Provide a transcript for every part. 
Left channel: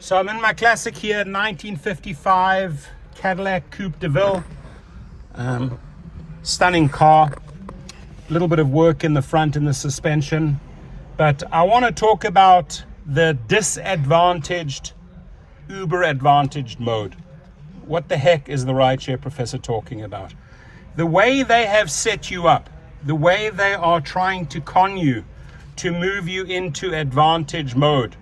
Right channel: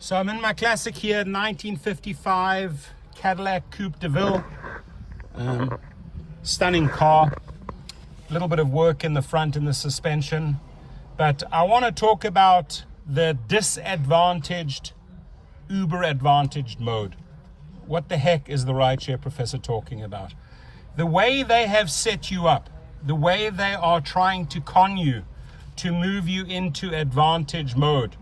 So I'm in my classic here, 1955 Cadillac Coupe de Ville. Stunning car. A little bit of work in the front and the suspension. But I want to talk about the disadvantaged, Uber advantaged mode. What the heck is the rideshare professor talking about? The way they have set you up, the way they are trying to con you to move you into advantage mode.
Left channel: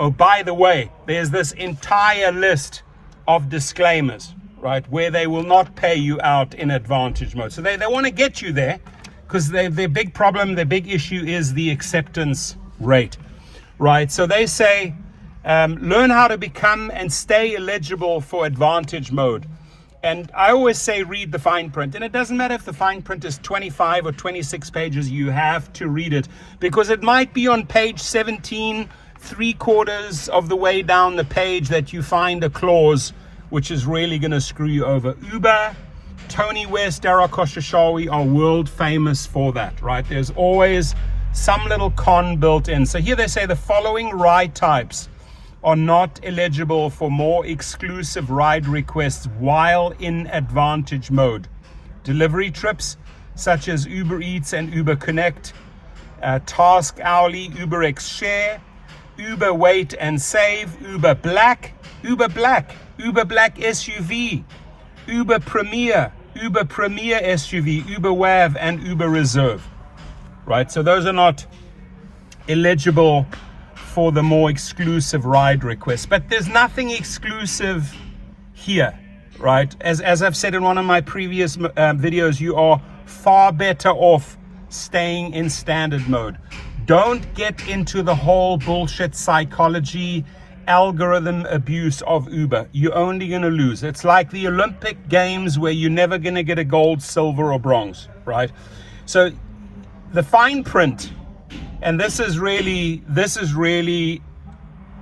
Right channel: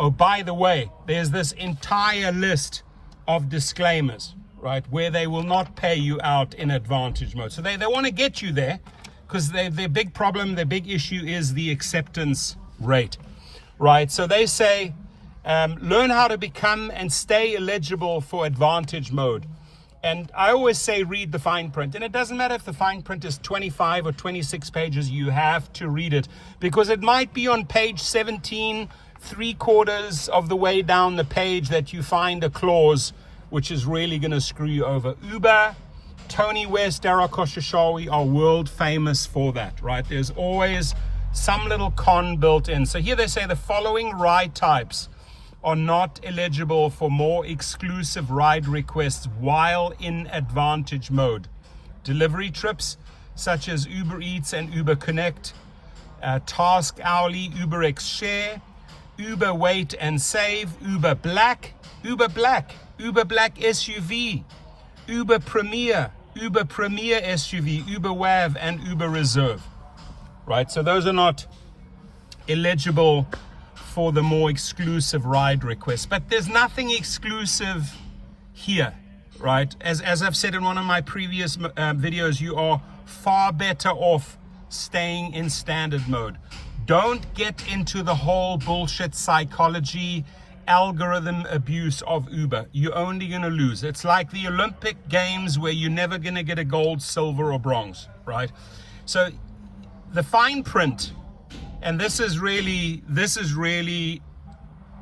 Oh, by the way, there's this entire list of disclaimers, right, where they will not pay you out in advantage mode. So they want to get you there because their big problem, their big issue is the acceptance rate, right? So they say, learn how to become and stay eligible for advantage mode. And I always say, read the fine print. And it doesn't matter if the fine print is 25 or 26 pages, you have to read it because it might be on page 17, 3/4 of the way down the page that you find a clause which is really going to screw you over. Uber, Tony West, Dara Khosrowshahi are world famous for that, right? There's always some little con built in. So here they say the following ride types are not eligible for more exclusive ride requests while in advantage mode. Delivery trips such as Uber Eats and Uber Connect, Task Hourly, Uber X Share, Uber Wait and Save, Uber Black SUV, Uber Premier SUV, Uber WAV, and Uber Reserve, right? So those are not eligible for the more exclusive ride requests, but there's nothing exclusive here, right? As I've said in one of my previous videos, you are far better off staying in standard mode. Don't get into the whole bullshit psychology, algorithm abuse of Uber. You're only going to lose. It's like the Olympic Games where you're never going to get a gold, silver, or bronze, right? So the fine print, and this is really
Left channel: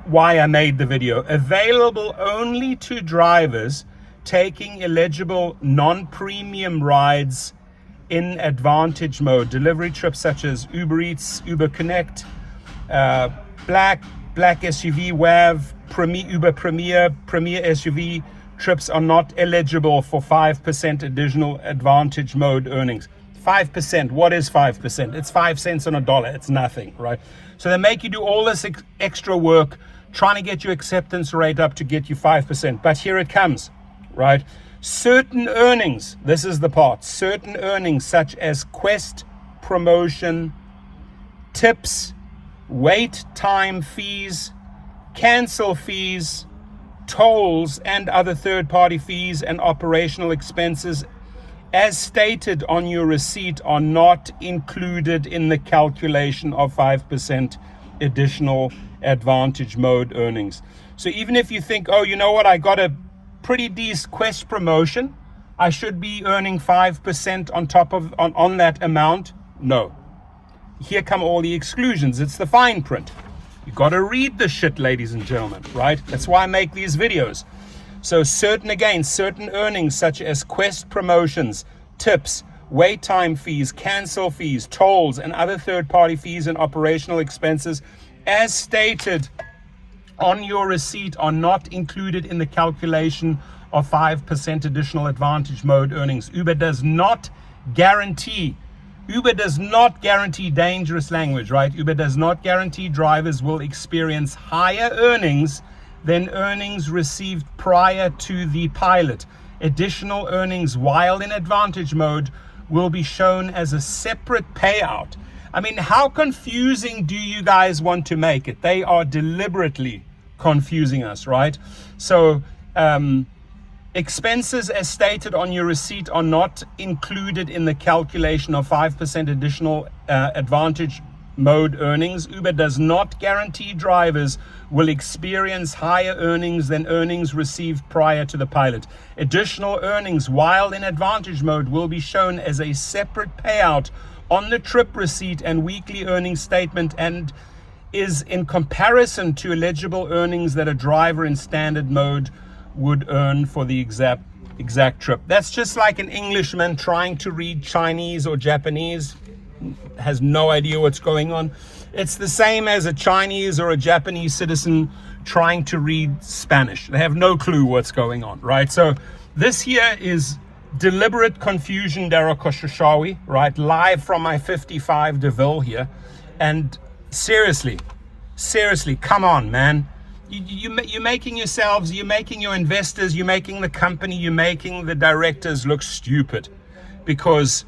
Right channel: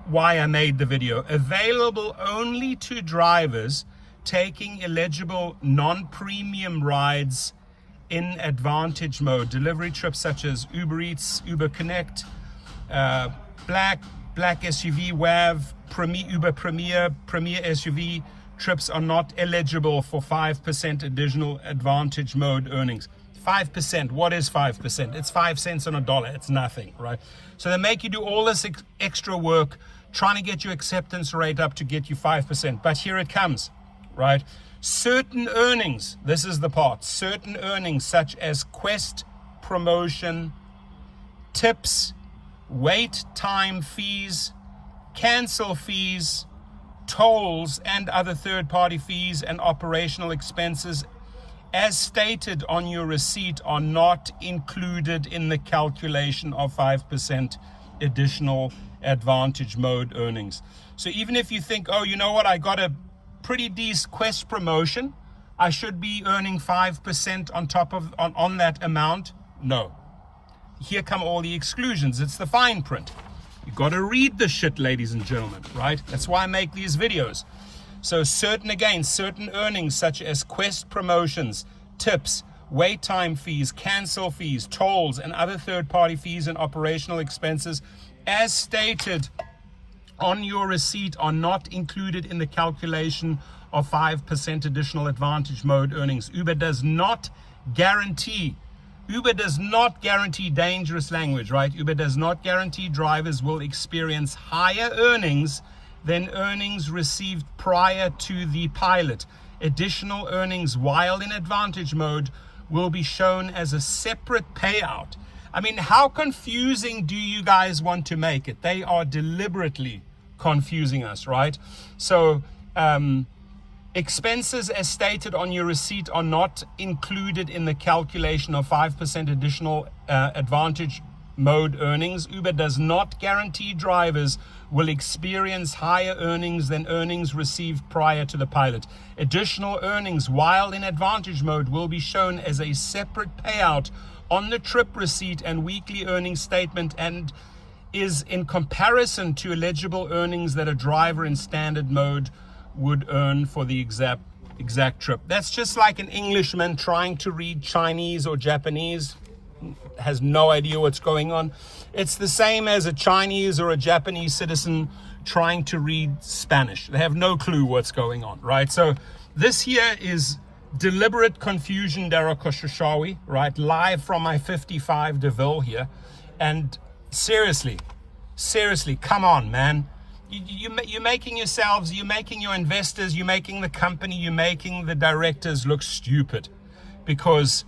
why I made the video, available only to drivers taking eligible non-premium rides in advantage mode. Delivery trips such as Uber Eats, Uber Connect, Black SUV, WAV, Uber Premier SUV trips are not eligible for 5% additional advantage mode earnings. 5%, what is 5%? It's 5 cents on a dollar, it's nothing, right? So they make you do all this extra work trying to get your acceptance rate up to get you 5%. But here it comes, right? Certain earnings, this is the part, certain earnings such as Quest promotion, tips, wait time fees, cancel fees, tolls, and other third-party fees and operational expenses as stated on your receipt are not included in the calculation of 5% additional advantage mode earnings. So even if you think, oh, you know what, I got a pretty decent Quest promotion, I should be earning 5% on top of on that amount. No. Here come all the exclusions. It's the fine print. You got to read the shit, ladies and gentlemen, right? That's why I make these videos. So certain earnings such as Quest promotions, tips, wait time fees, cancel fees, tolls, and other third-party fees and operational expenses as stated on your receipt are not included in the calculation of 5% additional advantage mode earnings. Uber does not guarantee dangerous language, right? Uber does not guarantee drivers will experience higher earnings than earnings received prior to the pilot. Additional earnings while in advantage mode will be shown as a separate payout. I mean, how confusing do you guys want to make it? They are deliberately confusing us, right? So expenses as stated on your receipt are not included in the calculation of 5% additional advantage mode earnings. Uber does not guarantee drivers will experience higher earnings than earnings received prior to the pilot. Additional earnings while in advantage mode will be shown as a separate payout on the trip receipt and weekly earnings statement and is in comparison to eligible earnings that a driver in standard mode would earn for the exact trip. That's just like an Englishman trying to read Chinese or Japanese, has no idea what's going on. It's the same as a Chinese or a Japanese citizen trying to read Spanish. They have no clue what's going on, right? So this here is deliberate confusion, Daryl Koshashawi, right? Live from my 55 DeVille here. And seriously, come on, man. You're making yourselves, you're making your investors, you're making the company, you're making the directors look stupid, because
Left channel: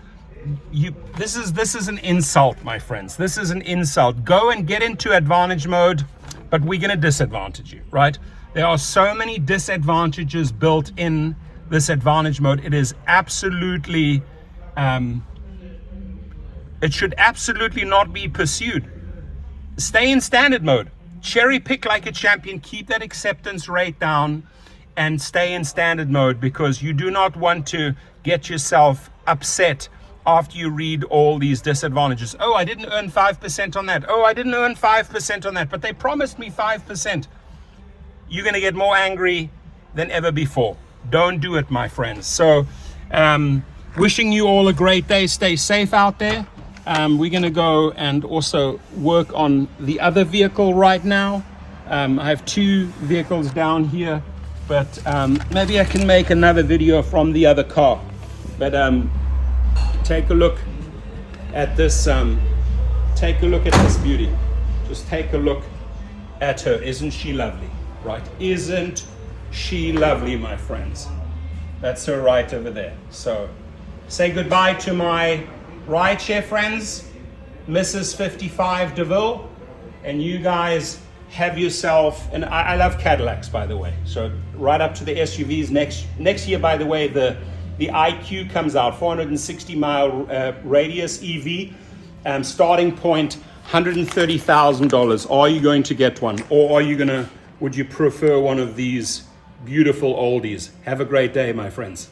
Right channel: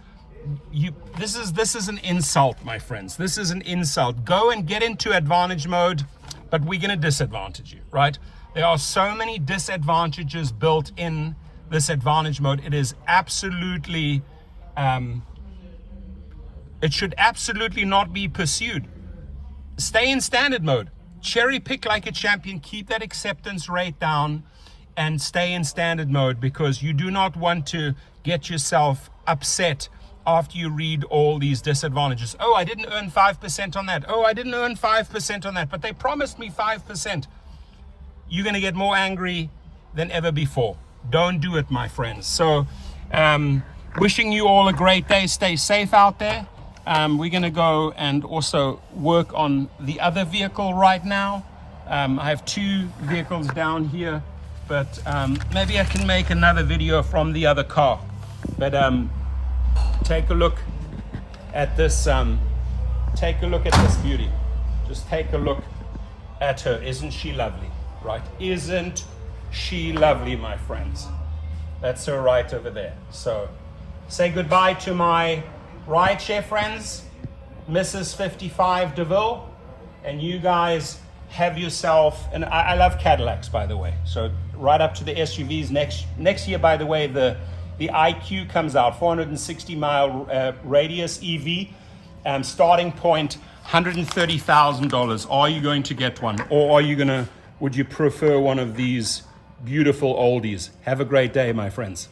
this is an insult, my friends. This is an insult. Go and get into advantage mode, but we're going to disadvantage you, right? There are so many disadvantages built in this advantage mode. It is absolutely, it should absolutely not be pursued. Stay in standard mode. Cherry pick like a champion. Keep that acceptance rate down and stay in standard mode, because you do not want to get yourself upset after you read all these disadvantages. Oh, I didn't earn 5% on that. Oh, I didn't earn 5% on that, but they promised me 5%. You're going to get more angry than ever before. Don't do it, my friends. So, wishing you all a great day. Stay safe out there. We're going to go and also work on the other vehicle right now. I have 2 vehicles down here, but maybe I can make another video from the other car. But take a look at this. Take a look at this beauty. Just take a look at her. Isn't she lovely? Right? Isn't she lovely, my friends? That's her right over there. So say goodbye to my Rideshare friends, Mrs. 55 DeVille, and you guys have yourself, and I love Cadillacs, by the way, so right up to the SUVs. Next year, by the way, the IQ comes out, 460 mile radius EV, starting point $130,000. Are you going to get one, or would you prefer one of these beautiful oldies? Have a great day, my friends.